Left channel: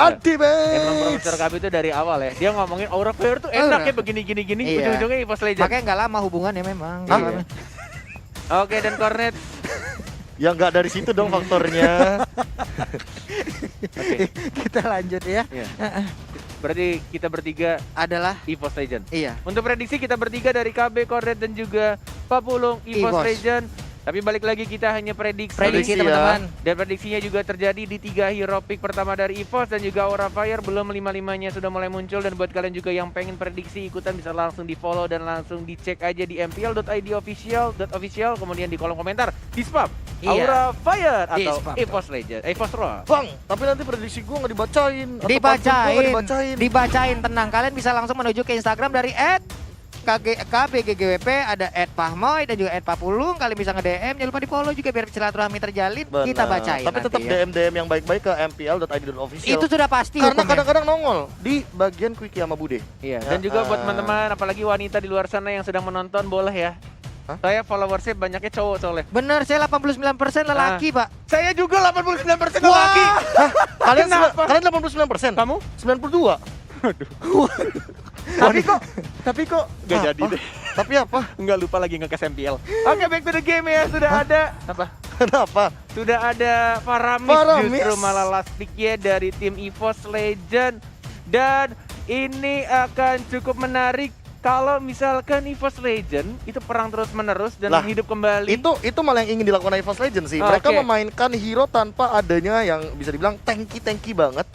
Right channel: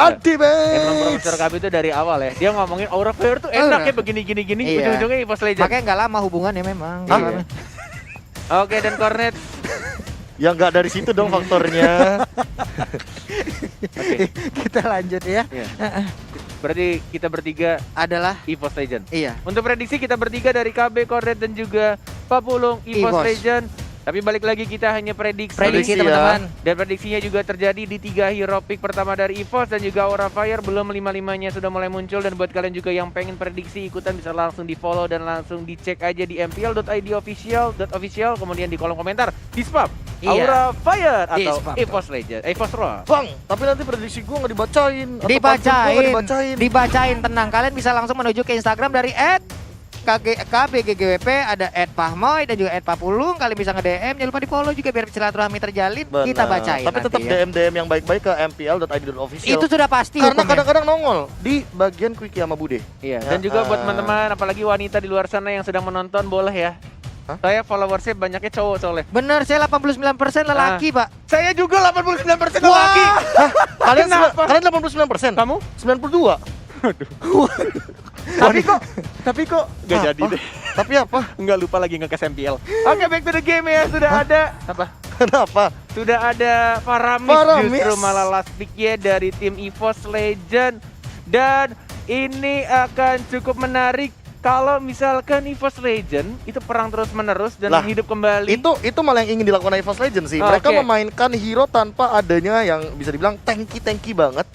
Ultimate. Emang Profesor KB itu dari awal ya. Dia ngomongin Aura Fire tuh enak ya begini gini gini. Iya. Ujung-ujungnya EVOS Legend. Makanya nggak lama hubungannya memang. Iya. Oke, dan Cornet. Ya nggak dari situ dong faktornya. Kita lanjut ya. Iya. Berarti kita bertiga Adalah EVOS Legend. iya. Untuk prediksi kita bertiga dari KB, Cornet dan juga Pak Pulung EVOS EVOS. Legend. Tapi balik lagi kita hanya prediksi. Prediksi ya. teman-teman. Dan prediksinya juga terjadi di 3 hero pick pertama dari EVOS dan juga Aura Fire. Belum 5-5-nya sudah mulai muncul. Dan buat kalian juga yang pengen prediksi ikutan bisa langsung di follow dan langsung dicek aja di mpl.id official. Kemudian di kolom komentar di spam Iya. Aura Fire Di atau spam. EVOS Legend, EVOS Raw. Bang, tapi nanti prediksi gue nggak dibacain. Atau pantun gua nggak dibacain. Dibacain, tenang. Kalian bisa langsung menuju ke Instagram dari @KBGGWP, ada @Pahmoy dan juga @Papulung. Kalian bisa nge-DM, jangan lupa di-follow juga biar silaturahmi terjalin. Benar. Kita bacain. Tapi tetap nanti ya. DM yang baik-baik ke mpl.id.official. Itu sudah pasti. Karena hukumnya. kadang-kadang nongol di bagian Quickie sama Bude. Iya, Ya, dan juga buat teman-teman apalagi wanita di luar sana yang sedang menonton boleh ya. Hah? Saya followersnya banyaknya cowok soalnya. Bener, saya 89% lelaki, Pak. Saya juga 89% Wah. laki. Hah? Kalian Kenapa? kalian 89%? Kamu? 92. Tapi kok gak Apa? jadi deh. Tapi apa? Nggak lupa lagi nge-cash MPL. Oke, back to the game ya. Sudah ada apa? Kenapa? Sudah ada Faramis Faramis. justru malah last pick-nya dari tim EVOS Legend. Dan ini akan cukup menarik kalau misalkan EVOS Legend itu perang terus-menerus dan Lah, hidup kembali. Itu malah yang ingin dilakukan EVOS Legends sih. Mereka Oke. memainkan hero tanpa adanya yang bisa dibilang tanky banget.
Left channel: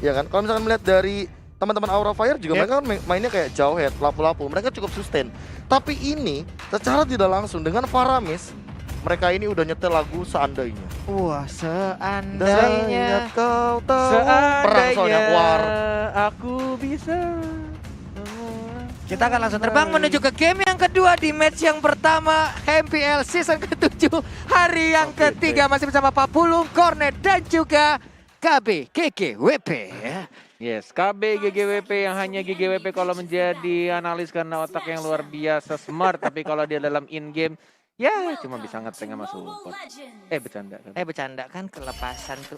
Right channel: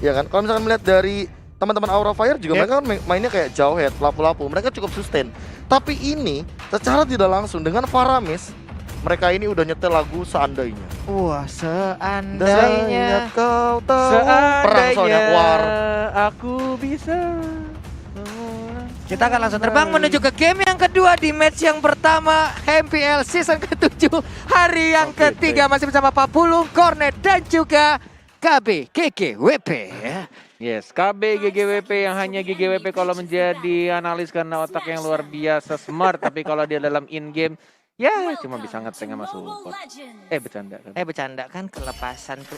Ya kan? Kalau misalkan melihat dari teman-teman Aura Fire juga mereka kan mainnya kayak jauh head, lapu-lapu. Mereka cukup sustain. Tapi ini secara tidak langsung dengan Faramis, mereka ini udah nyetel lagu Seandainya. Wah, seandainya Kau tahu perang soalnya war. aku bisa. kita akan langsung terbang menuju ke game yang kedua di match yang pertama MPL season ke-7 hari yang Oke, ketiga masih bersama Pak Pulung, Cornet dan juga KB GGWP ya. Yes, KB GGWP yang hanya GGWP kalau menjadi analis karena otak yang luar biasa smart. Tapi kalau dia dalam in-game, ya cuma bisa ngeteng sama support. Bercanda kan? Bercanda kan kelepasan tuh.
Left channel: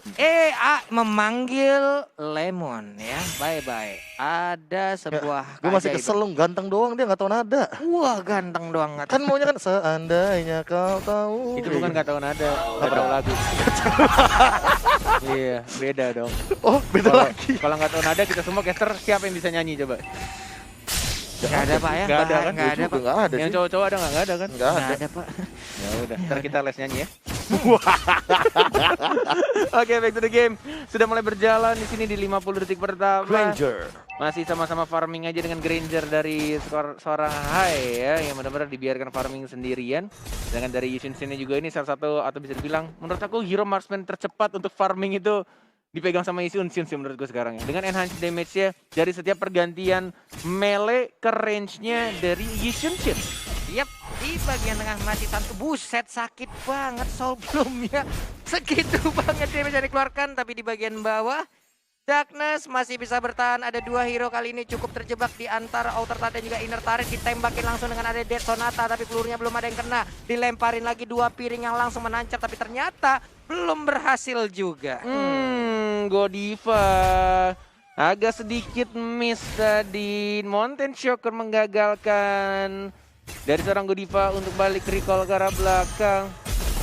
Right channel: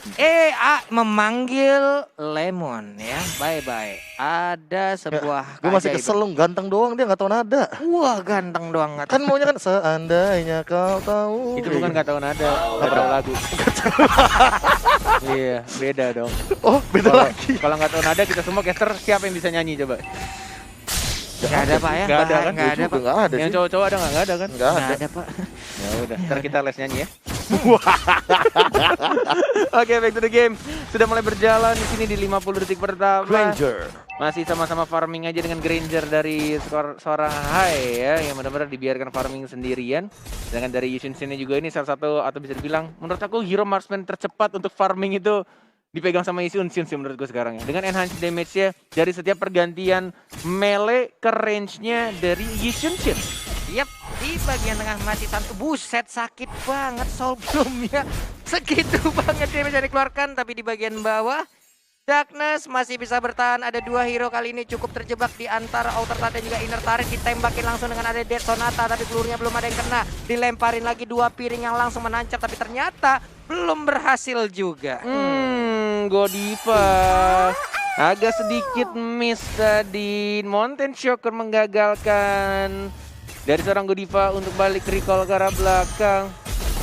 Memanggil Lemon ya. Bye-bye. Ada sebuah Gue masih keajaiban. kesel lu, ganteng doang dia nggak tahu nada. Wah, ganteng doang. Kan maunya kan seandainya kau tahu. Itu bukan gak tahu nada, gak tahu lagu. Iya, beda dong. Oh, beda lagi. Kalau nggak tahu nada kita semua caster siapa yang bisa nyanyi coba? Gak ada, Pak ya. Nggak ada kan? Nggak ada, Pak. Nggak ada Yang sih. cowok-cowok ada nggak? Nggak ada kan? Nggak Nggak ada. ada, Pak. Ya udah, ntar kita les nyanyi ya. Oke, back to the game. Sudah mulai berjalan di sini di 50 detik pertama. Granger. Masih sama-sama farming aja dengan Granger dari seorang Hai ya, yang benar-benar dibiarkan farming sendirian. Sedangkan dari Yushin Shin juga ini salah satu atau bisa dibilang menurut aku hero marksman tercepat untuk farming itu dipegang sama Yushin Shin sih menurut gue sekarang ya. Dengan enhanced damage-nya dari setiap pergantian melee ke range-nya dari Yushin Shin. Yap, di bagian tengah mati satu. Buset, sakit banget Soulblumnya. Segitu banget damage yang dikeluarkan. Tapi di bagian bawah Darkness masih bisa bertahan. Ada 2 hero kali ini cukup terjebak di antara Outer Turret dan juga Inner Turret. Ditembakin langsung dengan ada Dead Sonata, tapi pelurunya belum ada yang kena. Dilemparin lagi 2 piring yang langsung menancap, tapi ternyata belum berhasil juga. Godiva agak sedikit miss tadi. Mountain Shocker menggagalkan dari seorang Godiva untuk balik recall ke arah belakang.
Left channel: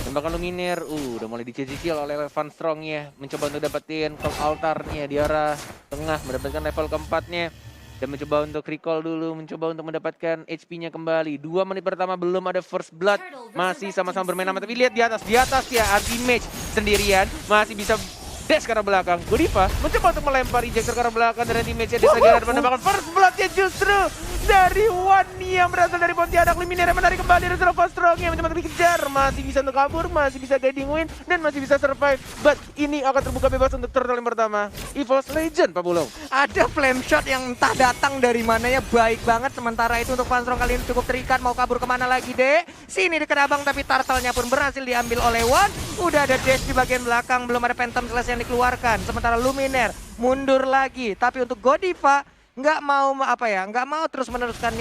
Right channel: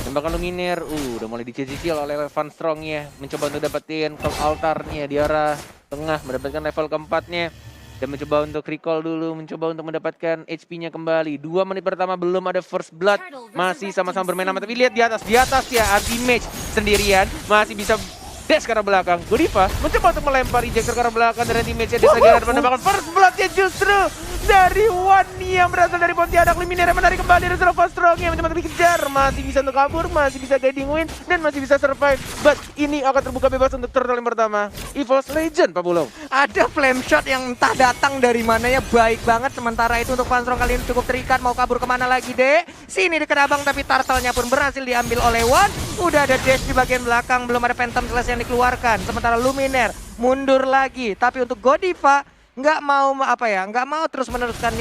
Tembakan Luminaire, udah mulai dicicil oleh Van Strong ya. Mencoba untuk dapetin Clock Altarnya di arah tengah, mendapatkan level keempatnya. Dan mencoba untuk recall dulu, mencoba untuk mendapatkan HP-nya kembali. 2 menit pertama belum ada first blood. Masih sama-sama bermain aman, tapi lihat di atas ya Archimage sendirian. Masih bisa dash ke arah belakang. Godiva mencoba untuk melempar ejector ke arah belakang dan damage-nya disegerakan menambahkan first blood-nya justru dari Wani yang berasal dari Pontianak. Luminaire menarik kembali dari Van Strong yang mencoba dikejar. Masih bisa untuk kabur, masih bisa guiding win dan masih bisa survive. But ini akan terbuka bebas untuk turtle yang pertama. EVOS Legend, Pak Bulong. Ada flame shot yang entah datang dari mananya, baik banget. Sementara itu untuk Van Strong kali ini cukup terikat. Mau kabur kemana lagi, Dek? Sini dekat abang, tapi turtle-nya pun berhasil diambil oleh Wan. Udah ada dash di bagian belakang, belum ada Phantom Slash yang dikeluarkan. Sementara Luminaire mundur lagi. Tapi untuk Godiva nggak mau terus meneruskan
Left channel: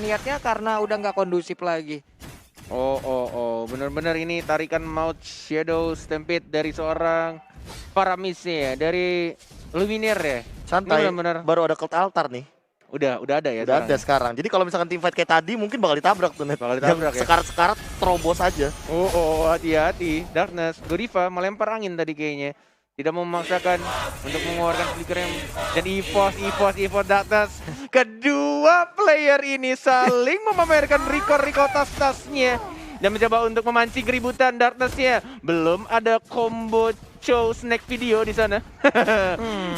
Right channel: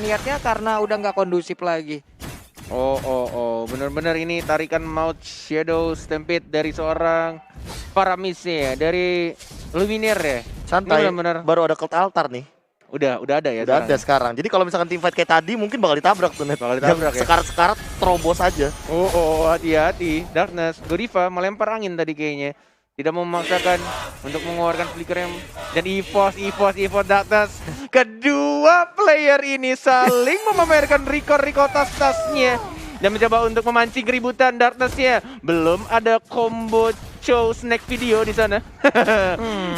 niatnya karena udah nggak kondusif lagi. Benar-benar ini tarikan Mouth Shadow Stampede dari seorang para miss-nya dari Lumineer ya. Santai, Ini benar-benar baru ada cult altar nih. udah ada ya. Udah ada sekarang. Jadi kalau misalkan team fight kayak tadi mungkin bakal ditabrak tuh net. Bakal ditabrak ya. Sekarat-sekarat terobos aja. Oh, hati-hati. Darkness, Godiva melempar angin tadi kayaknya. Tidak mau memaksakan untuk mengeluarkan flicker yang dan EVOS Darkness. Kedua player ini saling memamerkan record tas-tasnya dan mencoba untuk memancing keributan Darkness-nya. Belum ada combo show snack video di sana.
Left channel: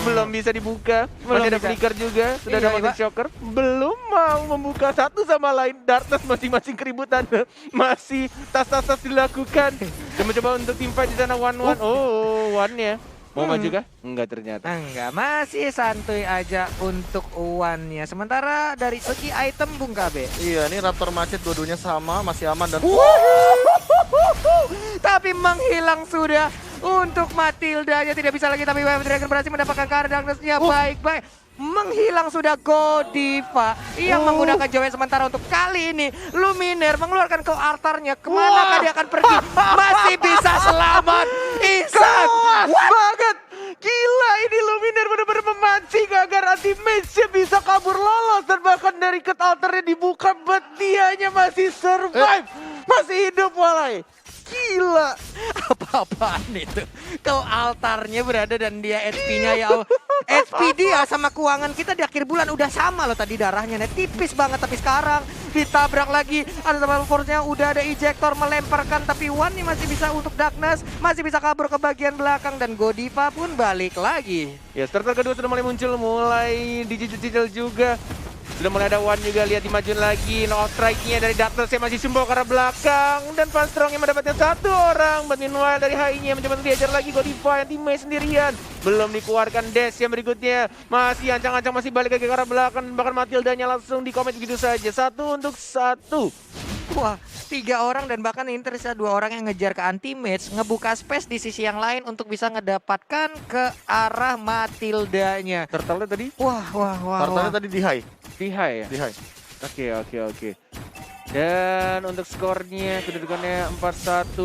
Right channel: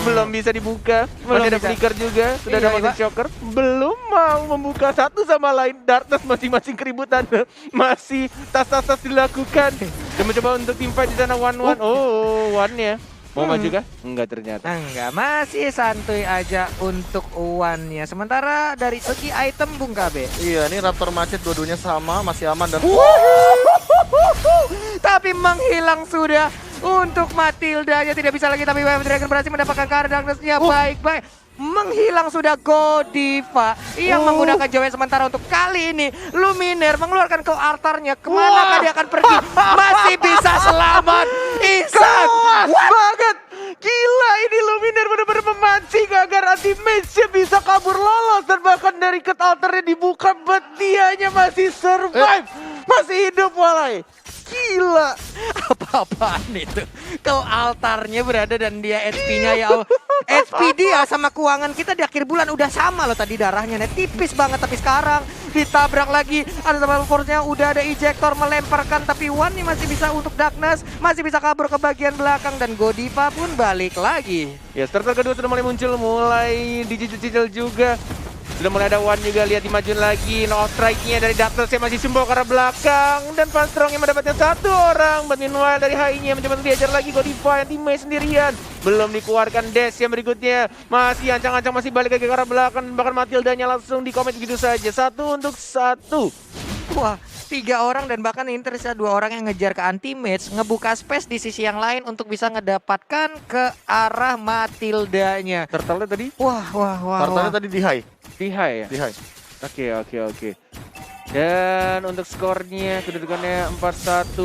Belum bisa dibuka. Masih ada flicker juga. Sudah ada motion shocker. Belum mau membuka satu sama lain. Darkness masing-masing keributan. Masih tas-tas dilakukan. Dan mencoba untuk tim fight di sana one-one. Oh, one-nya. Mau maju kah? Enggak ternyata. Enggak, masih santuy aja untuk uannya. Sementara dari segi item Bung KB. Iya, ini Raptor Macet dua-duanya sama, masih aman dan Tapi menghilang sudah untuk Matildanya, tidak bisa lagi, tapi Wave Dragon berhasil mendapatkan card Darkness-nya. Baik. Menghilang sudah Godiva yang menggunakan Joy. Sementara untuk kali ini Lumineer mengeluarkan ke altarnya. Kemana dia akan pergi? Masih bisa selamat. Ihsan banget. Gila, ini Lumineer benar-benar memancing agar anti-mage bisa kabur lolos. Dan bahkan dari cut altarnya dibuka, but dianya masih survive. Masih hidup walai. Gila. Apa-apaan itu? Kau altarnya berada dan dia HP-nya ya Allah. HP dia sama keuangan kita di akhir bulan udah sama loh tadi darahnya. Tipis banget, tapi sekarang ditabrak lagi. Ada sama force-nya, udah ada ejector melemparkan. Tapi One nih masih bisa untuk Darkness. Masih bisa kabur ke bagian belakang dan Godiva pun balik lagi. Ya, starter kedua sudah mulai muncul, mulai dicicil-cicil juga. Sudah mulai ada One juga, lihat dimajuin lagi. No strike-nya dari Darkness yang masih simbol ke arah belakang. Dan Van Strong yang mendapatkan satu orang. But meanwhile dari High-nya mencoba untuk diajar lagi Godiva yang teammate sendirian. Belum dikeluarkan dash yang berikutnya. Masih ancang-ancang, masih balik lagi ke arah belakang. Bahkan Matildanya langsung di-commit begitu saja. 1-1. Wah, 3 orang dan bahkan ini tersisa 2 orang yang ngejar ke anti-mage. Ngebuka space di sisi yang lain untuk bisa ngedapatkan ke arah Matildanya. Turtle tadi? Wah. Turtle tadi di high. Di high ya? Di high. Oke. Dan untuk skornya kedudukannya 4-1.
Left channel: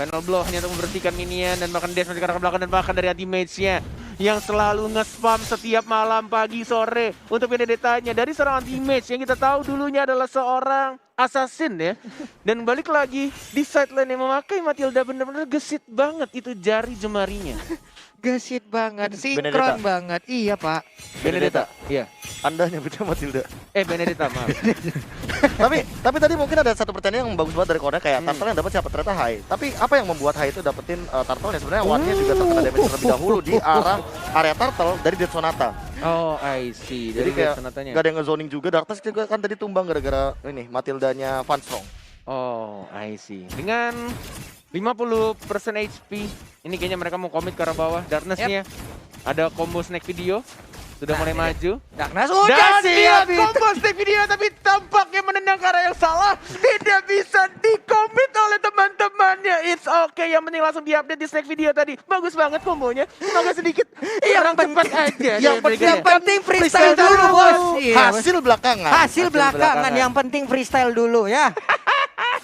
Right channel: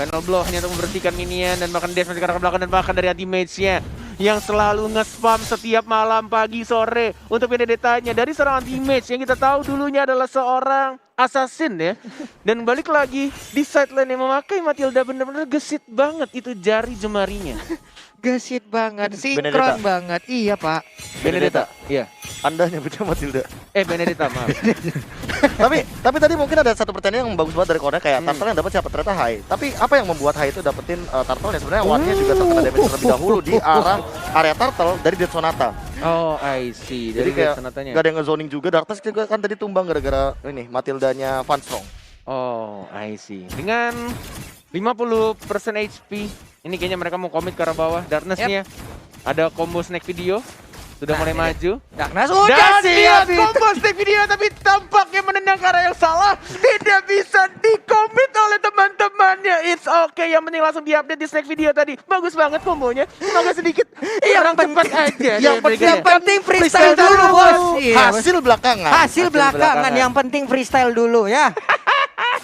Final blow hanya untuk membersihkan minion dan bahkan dash masih ke arah belakang dan bahkan dari anti-mage-nya yang selalu nge-spam setiap malam, pagi, sore untuk Benedetta-nya dari seorang anti-mage yang kita tahu dulunya adalah seorang assassin ya. Dan balik lagi di sideline yang memakai Matilda, benar-benar gesit banget itu jari jemarinya. Gesit banget, sinkron Benedetta. banget. Iya, Pak. Benedetta. Iya. Anda nyebutnya Matilda. Benedetta, maaf. tapi tadi mungkin ada satu pertanyaan yang bagus banget dari Kornya, kayak Turtle yang dapat siapa, ternyata High. Tapi apa yang membuat High itu dapetin Turtle yang sebenarnya One-nya juga terkena damage terlebih dahulu di arah area Turtle dari Dead Sonata. Oh, I see. Jadi Dari kayak Sonatanya. gak ada yang nge-zoning juga. Darkness juga kan tadi tumbang gara-gara ini Matildanya Van Strong. Oh, I see. Dengan 50% HP, ini kayaknya mereka mau komit ke arah bawah. Darkness-nya ada combo snack video. Sudah mulai maju. Darkness Dan udah siap dia combo snack video, tapi tampaknya menendang ke arah yang salah. Tidak bisa dikomit oleh teman-temannya. It's okay, yang penting langsung diupdate di snack video tadi. Bagus banget kombonya. Agak sedikit kurang cepat aja. Yang penting freestyle dulu, Bos. Iya, Hasil belakangan. Hasil belakangan, yang penting freestyle dulu ya.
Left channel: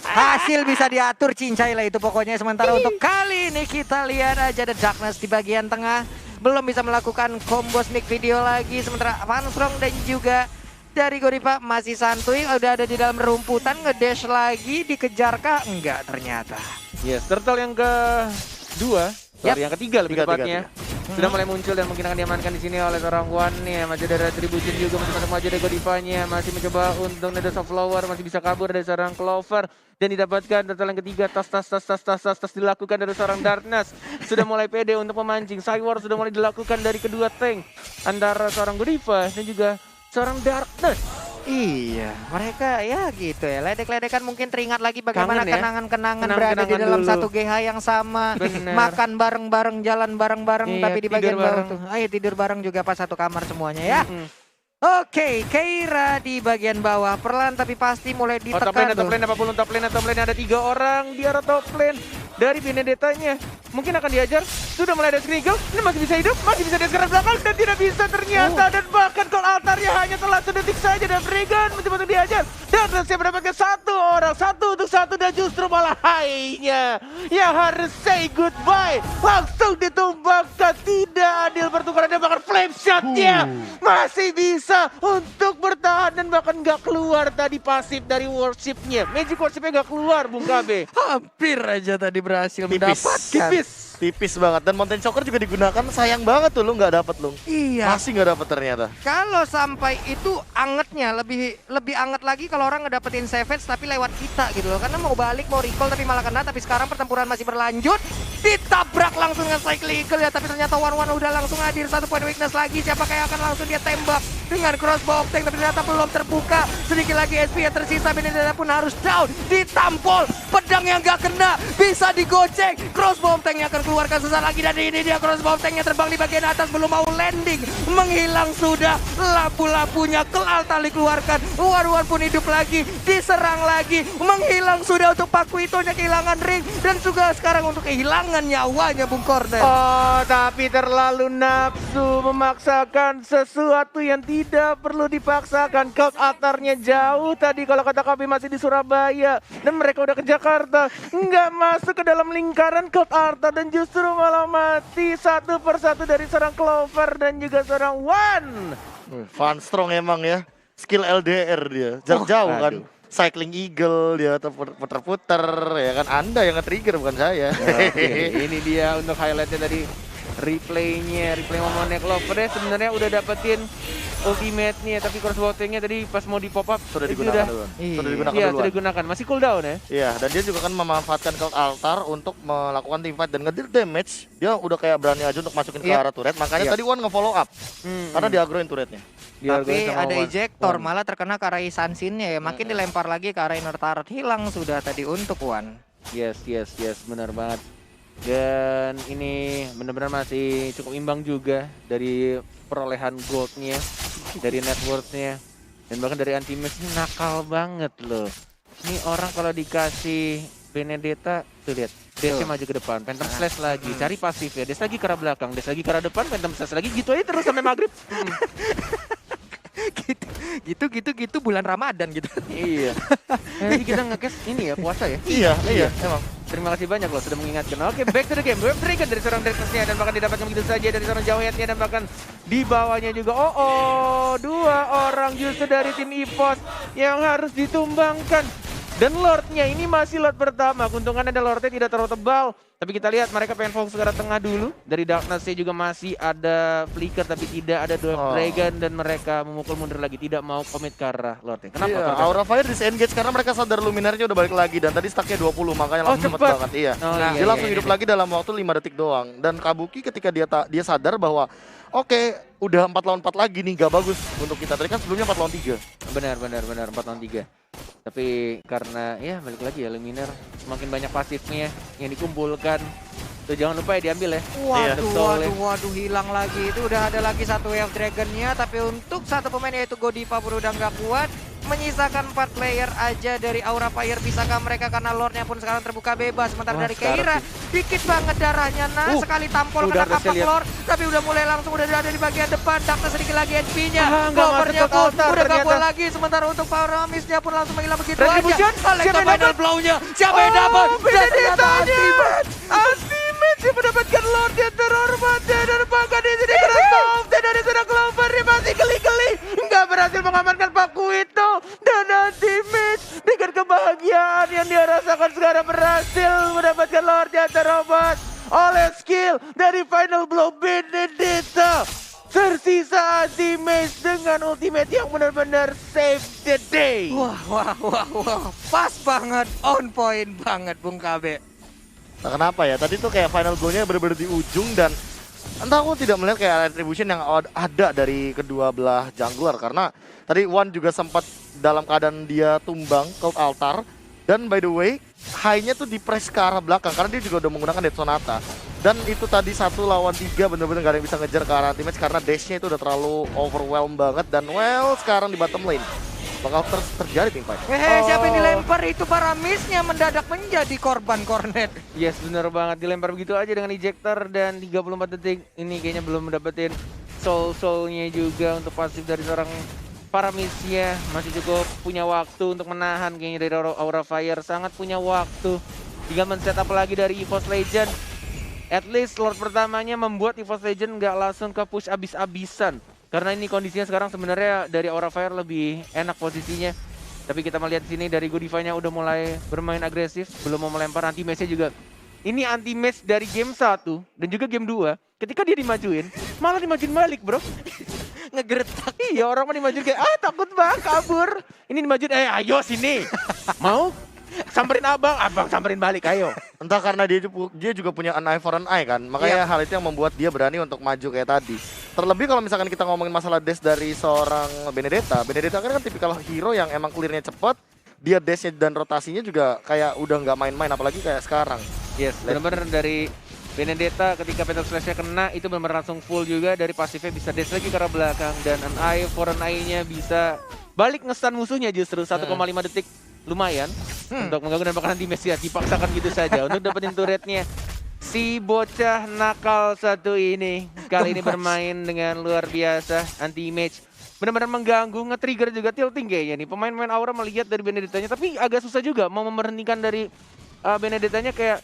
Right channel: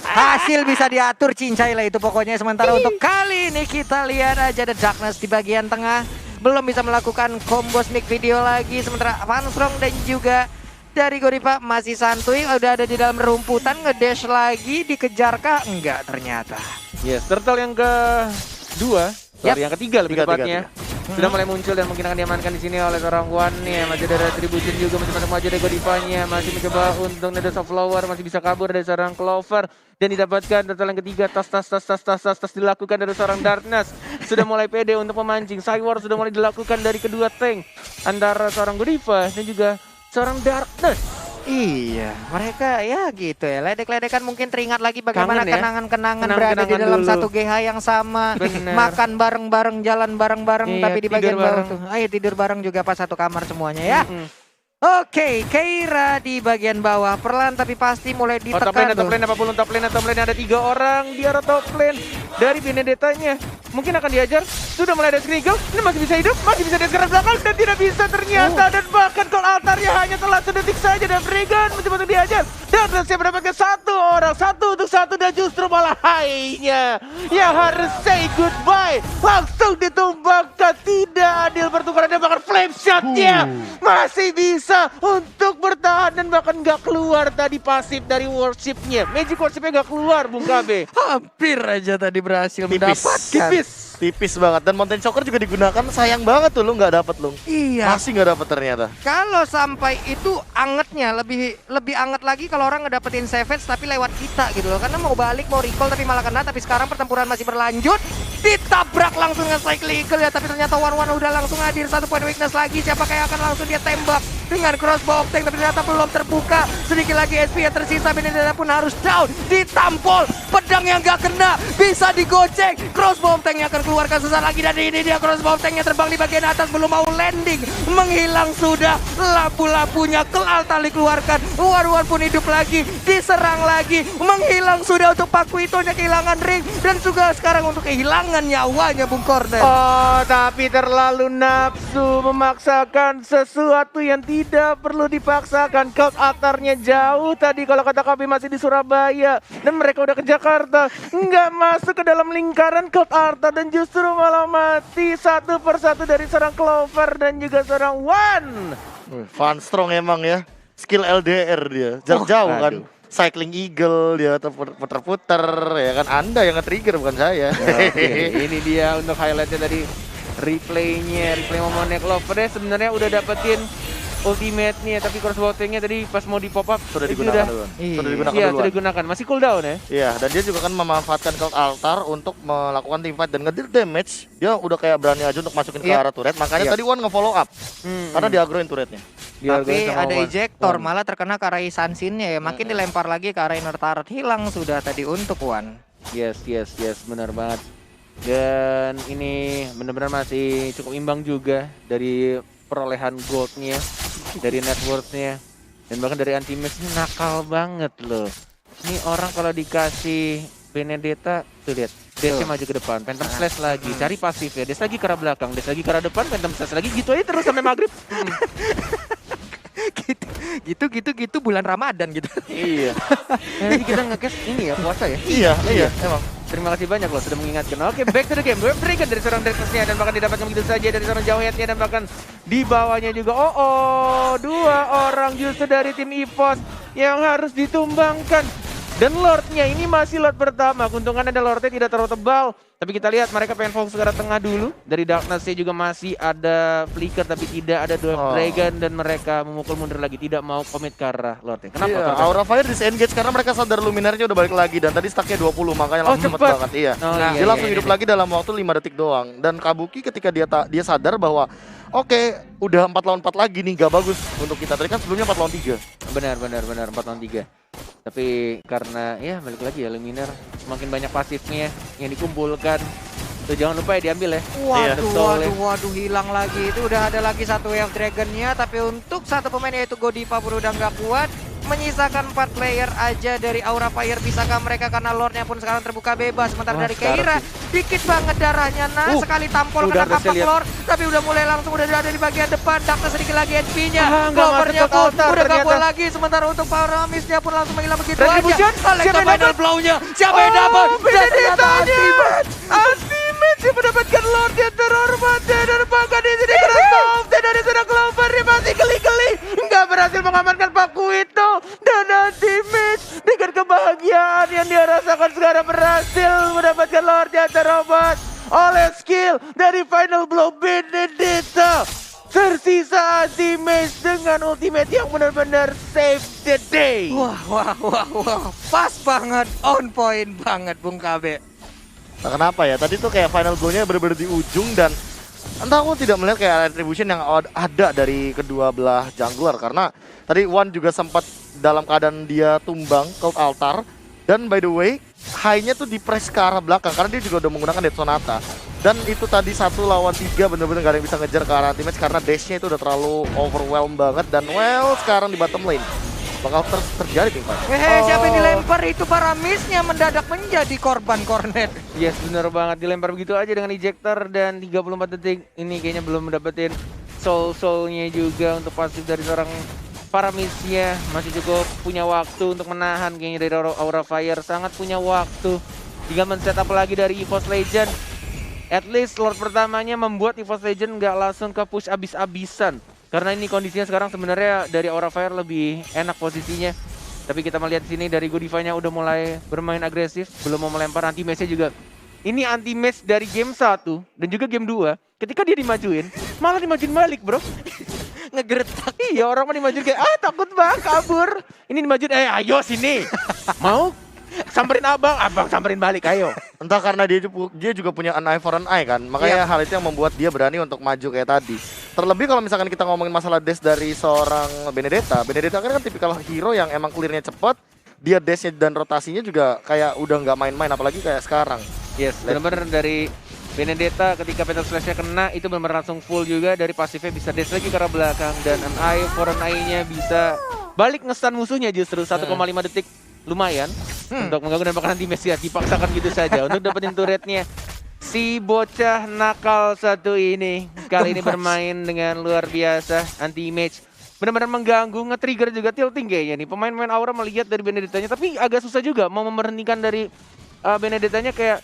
Hasil bisa diatur, cincai lah itu pokoknya. Sementara untuk kali ini kita lihat aja ada Darkness di bagian tengah. Belum bisa melakukan combo sneak video lagi. Sementara Van Strong dan juga dari Godiva masih santuy. Udah ada di dalam rumputan, ngedash lagi. Dikejarkah? Enggak ternyata. Yes, turtle yang kedua. Sorry, yang ketiga lebih tepatnya. Sudah mulai muncul dan mungkin akan diamankan di sini oleh seorang One nih. Masih ada retribution juga, masih maju dari Godivanya. Masih mencoba untuk Neda of Flower, masih bisa kabur dari seorang Clover. Dan didapatkan turtle yang ketiga, tas dilakukan dari seorang Darkness. Sudah mulai pede untuk memancing. Cywar sudah mulai dilakukan dari kedua tank. Antara seorang Godiva dan juga seorang Darkness. Iya, mereka ya gitu ya. Ledek-ledekan mungkin teringat lagi bagaimana Kangen ya? kenangan-kenangan berada di Kenangan dalam dulu. satu GH yang sama. Bener. Makan bareng-bareng, jalan bareng-bareng, Iya, tapi di bagian tidur bawah bareng. tuh. Ayo tidur bareng juga pas satu kamar semuanya ya. Mm-mm. Oke, Keira di bagian bawah. Perlahan tapi pasti mulai Oh, top ditekan lane, tuh. apapun top lane ada 3 orang di arah top lane. dari Benedetta-nya. Mungkin akan diajar, sudah mulai ada Skrigel, ini masih bisa hidup, masih bisa diajar ke belakang dan tidak bisa ternyata. Dan bahkan Cold Altarnya hanya telah sedetik saja dan Freegan mencoba untuk diajar. Dan berhasil mendapatkan satu orang, satu untuk satu dan justru malah hainya yang harus say goodbye. Langsung ditumbangkan, tidak adil pertukaran dan bahkan flame shot-nya masih bisa untuk bertahan dan bahkan nggak keluar tadi pasif dari worship-nya. Magic worship-nya nggak keluar, Bung KB. Hampir aja tadi berhasil mendapatkan. Tipis banget. Dan Mountain Choker juga digunakan, sayang banget tuh lu nggak dapet lu. Iya. Masih nggak dapet ternyata. Kalau sampai itu angetnya lebih anget lagi kalau orang ngedapetin Savage tapi lewat kita gitu loh. Karena mau balik mau recall tapi malah kena, tapi sekarang pertempuran masih berlanjut. Ditabrak langsung dengan Cyclical ya, tapi ternyata One udah langsung hadir, 1 point weakness lagi. Siapa yang akan langsung dia tembak dengan crossbow tank, tapi ternyata belum terbuka. Sedikit lagi SP yang tersisa, Benedetta pun harus down. Ditampol, pedang yang gak kena bisa digocek. Crossbow tank yang akan keluarkan sesaat lagi, dan ini dia crossbow tanknya terbang di bagian atas, belum mau landing, menghilang sudah. Lampu-lampunya Cold Altar dikeluarkan, One pun hidup lagi, diserang lagi, menghilang sudah untuk Pakuitonya, kehilangan ring, dan juga sekarang untuk kehilangan nyawanya Bung Corner. Oh, tapi terlalu nafsu memaksakan sesuatu yang tidak perlu dipaksakan. Cold Altar-nya jauh tadi kalau kata kami masih di Surabaya dan mereka udah ke Jakarta, nggak masuk ke dalam lingkaran Cold Altar dan justru malah mati satu persatu dari seorang Clover dan juga seorang One. Van Strong emang ya, skill LDR dia, jarak jauh kan. aduh. Cycling Eagle dia puter-puter ya kan, Anda yang nge-trigger bukan saya. Ini dia untuk highlightnya tadi, replay momennya Clover ya sebenarnya udah dapetin ultimate-nya, tapi crossbow-nya tadi pas mau di pop up Sudah digunakan duluan. Sudah digunakan duluan. sudah digunakan, masih cooldown ya. Iya, dan dia juga kan memanfaatkan Cold Altar untuk melakukan team fight dan ngedeal damage. Dia udah kayak berani aja untuk masukin ke arah turret. Makanya tadi One nge-follow up. Karena diagroin turretnya. Tapi ada ejector, malah terkena ke arah Sansin-nya ya. Makin dilempar lagi ke arah inner turret, hilang sudah tadi untuk One. Yes, benar banget. Dan ini benar-benar masih cukup imbang juga dari perolehan goldnya, dari net worth-nya, dan bahkan dari anti-match ini nakal banget loh. Ini orang kalau dikasih Benedetta, tuh lihat, dash-nya maju ke depan, Phantom Slash lagi, cari pasif ya, dash lagi ke arah belakang, dash lagi ke arah depan, Phantom Slash lagi, gitu aja terus sampai maghrib. gitu bulan Ramadan gitu. Iya. Jadi kita nge-cash ini ya, puasa ya. Iya, emang. Terima kasih banyak loh sudah mengingatkan. Oke, back to the game. Berikan dari seorang Drexus-nya dan bahkan didapatkan begitu saja dari seorang Jawhead-nya dan bahkan di bawahnya juga. Dua orang justru dari tim EVOS yang harus ditumbangkan. Dan Lord-nya ini masih Lord pertama. Keuntungan ada Lord-nya tidak terlalu tebal. Tapi kita lihat mereka pengen fokus ke arah tengah dulu. Dari Darkness-nya juga masih ada Flicker tapi tidak ada Dragon dan mereka memukul mundur lagi. Tidak mau komit ke arah Lord-nya. Kenapa? Iya, Aura Fire disengage karena mereka sadar Luminarnya udah balik lagi dan tadi stacknya 20 makanya langsung cepet cepat banget. Iya. iya, Dia langsung iya, hidup lagi dalam waktu 5 detik doang. Dan Kabuki ketika dia sadar bahwa oke, udah 4 lawan 4 lagi nih, gak bagus untuk kita. Tadi kan sebelumnya 4 lawan 3. Benar 4 lawan 3. Tapi karena ya balik lagi ya Luminar semakin banyak pasifnya yang dikumpulkan. Tuh jangan lupa ya diambil ya. Waduh, hilang lagi. Itu udah ada lagi satu Wave Dragon-nya, tapi untuk satu pemain yaitu Godiva pun udah nggak kuat. Menyisakan 4 player aja dari Aura Fire. Bisakah mereka, karena Lordnya pun sekarang terbuka bebas. Sementara dari Keira dikit banget darahnya. Sekali tampol kena kapak Lord, tapi udah mulai langsung udah ada di bagian depan. Darkness sedikit lagi HP-nya. Clovernya pun udah gak kuat lagi. Sementara untuk Paramis-nya pun langsung menghilang begitu aja. Siapa final blow-nya? Siapa yang dapat? Ultimate yang mendapatkan Lord yang terhormat dan bahkan di sini Crossbow dari seorang Clover dia masih geli-geli nggak berhasil mengamankan Pakuito dan Ultimate dengan kebahagiaan yang dia rasakan sekarang berhasil mendapatkan Lord yang terhormat oleh skill dari final blow Benedetta. Tersisa Ultimate dengan ultimate yang benar-benar save the day. Wah. Pas banget, on point banget Bung KB. Nah, kenapa ya? Tadi tuh kayak final goal-nya bener-bener di ujung dan entah aku tidak melihat kayak retribution yang ada dari kedua belah jungler karena tadi One juga sempat dalam keadaan dia tumbang Cold Altar dan by the way high-nya tuh di press ke arah belakang karena dia juga udah menggunakan Death Sonata dan itu tadi 1 lawan 3 bener-bener gak ada yang bisa ngejar ke arah teammates karena base-nya itu udah terlalu overwhelmed banget dan sekarang di bottom lane bakal terjadi teamfight. Siapa yang dilempar itu Paramisnya mendadak menjadi korban kornet. Yes, bener banget. Dilempar begitu aja dengan ejector dan 34 detik. Ini kayaknya belum dapetin soul-soulnya juga untuk pasif dari seorang Paramisnya. Masih cukup punya waktu untuk menahan kayaknya dari Aura Fire. Sangat punya waktu. Tinggal men-setup lagi dari EVOS Legend. At least Lord pertamanya membuat EVOS Legend nggak langsung ke push abis-abisan. Karena ini kondisinya sekarang sebenarnya dari Aura Fire lebih enak posisinya. Tapi kita melihat sini dari Godiva-nya udah mulai bermain agresif. Belum mau melempar, anti-match-nya juga. Ini anti-match dari game 1 dan juga game 2. Ketika dia dimajuin, malah dimajuin balik bro. Ngegertak. Iya, orang mah dimajuin kayak, takut bang, kabur. Ini dimajuin, ayo sini. Mau? Samperin abang samperin balik, ayo. Entah karena dia juga punya an eye for an eye kan. Makanya hal itu yang membuat dia berani untuk maju kayak tadi. Terlebih kalau misalkan kita ngomongin masalah dash dari seorang Benedetta. Benedetta kan tipikal hero yang emang clearnya cepat. Dia dashnya dan rotasinya juga kayak udah nggak main-main, apalagi kayak sekarang. Yes, benar-benar dari Benedetta ketika Petal Slash-nya kena itu benar langsung full juga. Dari pasifnya bisa dash lagi ke arah belakang. Dan an eye for an eye-nya bisa balik nge-stun musuhnya justru 1,5 detik. Lumayan untuk mengganggu dan bahkan anti-match ya. Dipaksakan gitu saja untuk dapetin turretnya. Si bocah nakal satu ini kali ini bermain dengan luar biasa. Anti-match benar-benar mengganggu, nge-trigger juga tilting kayaknya nih. Pemain-pemain Aura melihat dari Benedettanya, tapi agak susah juga mau memberhentikan dari Benedettanya. Kayak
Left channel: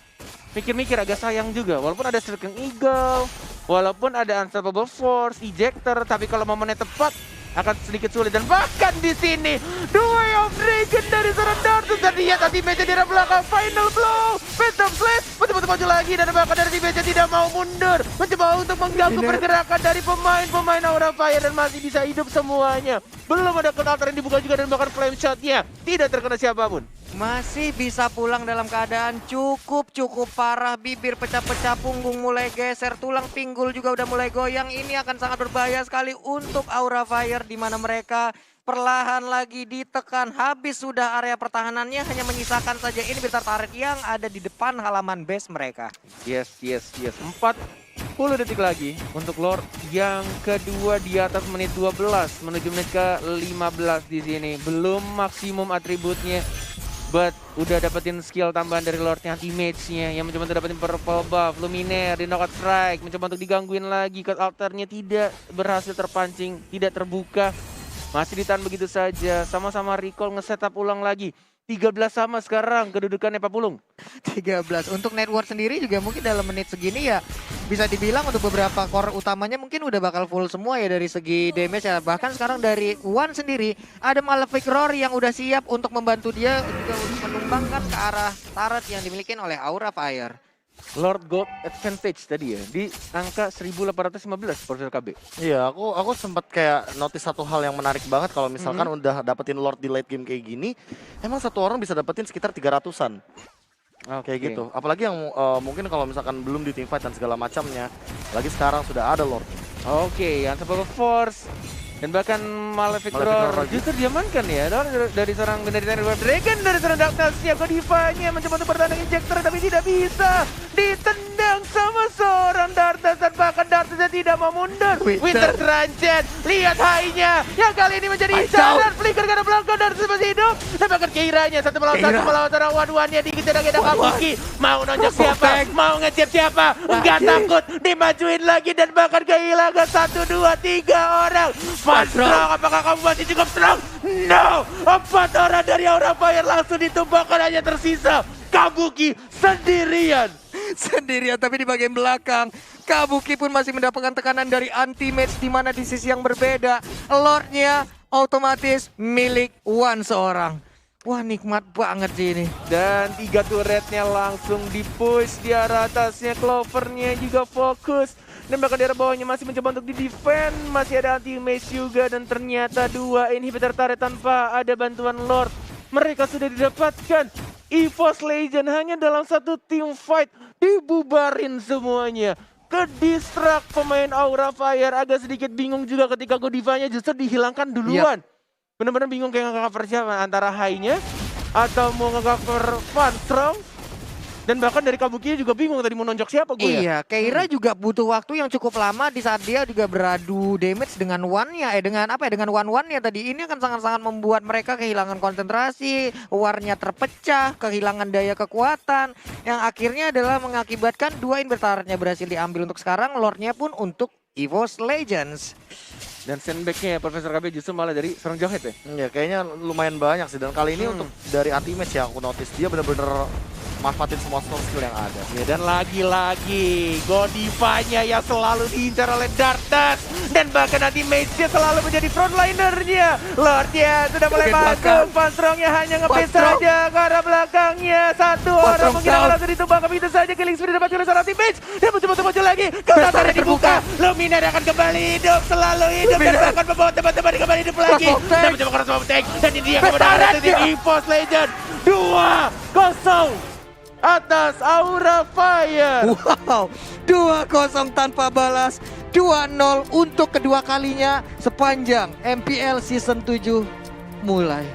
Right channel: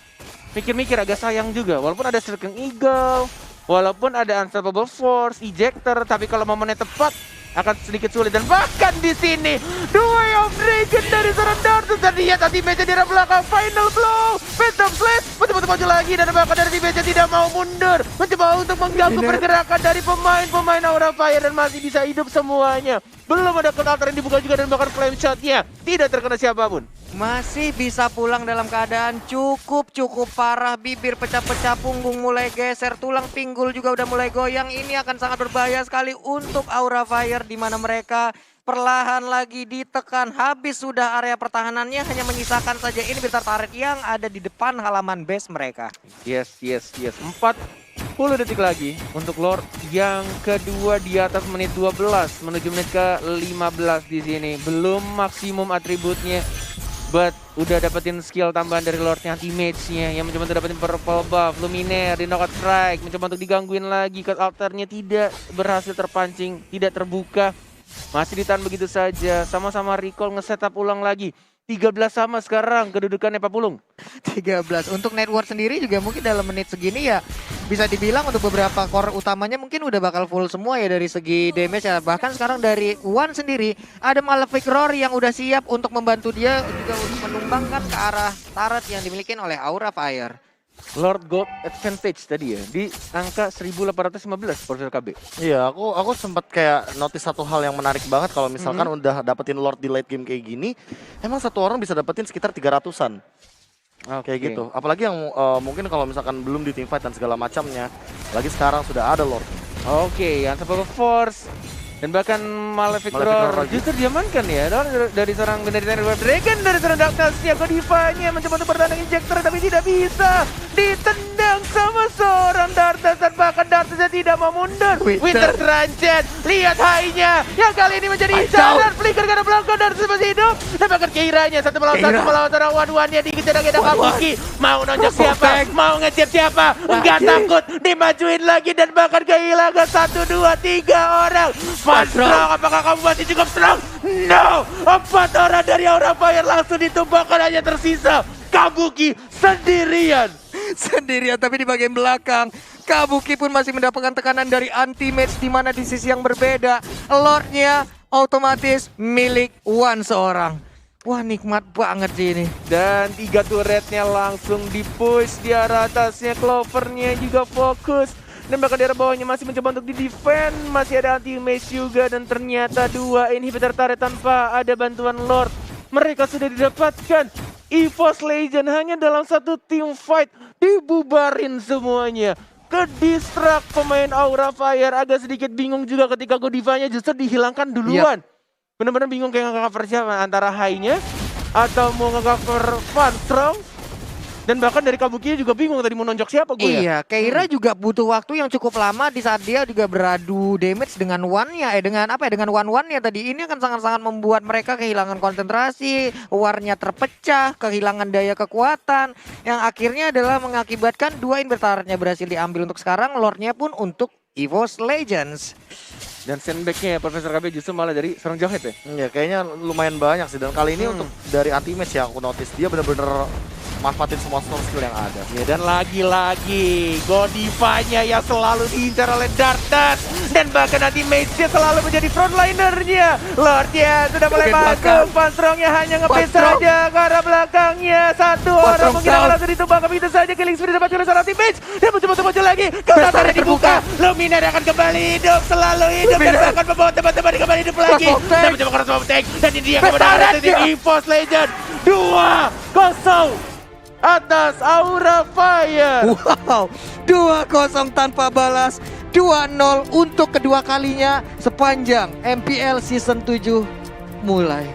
mikir-mikir, agak sayang juga. Walaupun ada Striking Eagle, walaupun ada Unstoppable Force, Ejector, tapi kalau momennya tepat akan sedikit sulit. Dan bahkan di sini Way of Dragon dari seorang Dartus, dan lihat anti-match di arah belakang. Final blow, Phantom Slash betul-betul maju lagi, dan bahkan dari anti-match tidak mau mundur, mencoba untuk mengganggu pergerakan dari pemain-pemain Aura Fire, dan masih bisa hidup semuanya. Belum ada counter yang dibuka juga, dan bahkan flame shot-nya tidak terkena siapapun. Masih bisa pulang dalam keadaan cukup parah. Bibir pecah-pecah, punggung mulai geser, tulang pinggul juga udah mulai goyang. Ini akan sangat berbahaya sekali untuk Aura Fire, di mana mereka perlahan lagi ditekan. Habis sudah area pertahanannya, hanya menyisakan saja ini Inhibitor turret yang ada di depan halaman base mereka. Yes. 40 detik lagi untuk Lord yang kedua di atas menit 12 menuju menit ke 15 di sini. Belum maksimum atributnya, but udah dapetin skill tambahan dari Lordnya, anti-match-nya yang mencoba untuk dapetin purple buff, Luminaire di knockout strike, mencoba untuk digangguin lagi, cut altarnya tidak berhasil terpancing, tidak terbuka. Masih ditahan begitu saja, sama-sama recall nge-setup ulang lagi. 13 sama sekarang kedudukannya Pak Pulung. 13. Untuk network sendiri juga mungkin dalam menit segini ya bisa dibilang untuk beberapa core utamanya mungkin udah bakal full semua ya dari segi damage ya. Bahkan sekarang dari One sendiri ada Malefic Roar yang udah siap untuk membantu dia juga untuk menumbangkan ke arah turret yang dimiliki oleh Aura Fire. Lord Gold Advantage tadi ya di angka 1815 Profesor KB. Iya, aku sempat kayak notice satu hal yang menarik banget kalau misalkan udah dapetin Lord di late game kayak gini, emang satu orang bisa dapetin sekitar 300-an. Kayak gitu. Apalagi yang mungkin kalau misalkan belum di teamfight dan segala macamnya, lagi sekarang sudah ada Lord. Yang Unstoppable Force dan bahkan Malefic Roar justru diamankan ya dari seorang Benedetta Dragon, dari seorang Darkness. Godiva-nya mencoba untuk bertahan Injector tapi tidak bisa, ditendang sama seorang Darkness, dan bahkan Darkness tidak mau mundur. Winter Granget, lihat high-nya yang kali ini menjadi incaran. Flicker karena belakang, Darkness masih hidup, dan bahkan Keira-nya satu melawan seorang One-One-nya dikejar-kejar Kabuki. Mau nonjok siapa, mau ngejar siapa, enggak takut, dimajuin lagi dan bahkan kehilangan 1, 2, 3 orang. Strong, apakah kamu masih cukup strong? No, 4 orang dari Aura Fire langsung ditumbangkan, hanya tersisa Kabuki sendirian. Tapi di bagian belakang Kabuki pun masih mendapatkan tekanan dari anti-match, di mana di sisi yang berbeda Lordnya otomatis milik One seorang. Wah, nikmat banget sih ini. Dan 3 turretnya langsung di-push di arah atasnya. Clovernya juga fokus. Dan bahkan di arah bawahnya masih mencoba untuk di-defend. Masih ada anti-match juga. Dan ternyata 2 inhibitor turret tanpa ada bantuan Lord. Mereka sudah didapatkan. EVOS Legend hanya dalam satu team fight dibubarin semuanya. Ke-distract pemain Aura Fire. Agak sedikit bingung juga ketika Godiva-nya justru dihilangkan duluan. Bener-bener bingung kayak nge-cover siapa, antara high-nya atau mau nge-cover Van Strong. Dan bahkan dari Kabuki juga bingung tadi mau nonjok siapa gue ya. Iya, Keira juga butuh waktu yang cukup lama di saat dia juga beradu damage dengan one-nya, dengan apa ya, dengan one-one-nya tadi. Ini akan sangat-sangat membuat mereka kehilangan konsentrasi, war-nya terpecah, kehilangan daya kekuatan, yang akhirnya adalah mengakibatkan 2 inverternya berhasil diambil untuk sekarang, lore-nya pun untuk EVOS Legends. Dan sandbag-nya ya Profesor KB justru malah dari seorang Jawhead ya. Ya kayaknya lumayan banyak sih, dan kali ini untuk dari anti-match ya aku notice dia bener-bener manfaatin semua skill yang ada. Ya, dan lagi-lagi Godiva-nya yang selalu diincar oleh Darkness. Dan bahkan nanti Mage-nya selalu menjadi frontlinernya. Lord-nya sudah mulai masuk. Panstrongnya hanya nge-base saja ke arah belakangnya. Satu orang mungkin akan langsung ditumbangkan begitu saja. Killing spree dapat seorang tim Mage. Dia mencoba muncul lagi. Kautarnya dibuka. Luminar akan kembali hidup. Selalu hidup. Dan bahkan membawa teman-teman kembali hidup lagi. Dan mencoba cross tank. Dan ini dia kemenangan dari EVOS Legend. 2-0. Atas Aura Fire. Wow, 2-0 tanpa balas, 2-0 untuk kedua kalinya sepanjang MPL Season 7 mulai.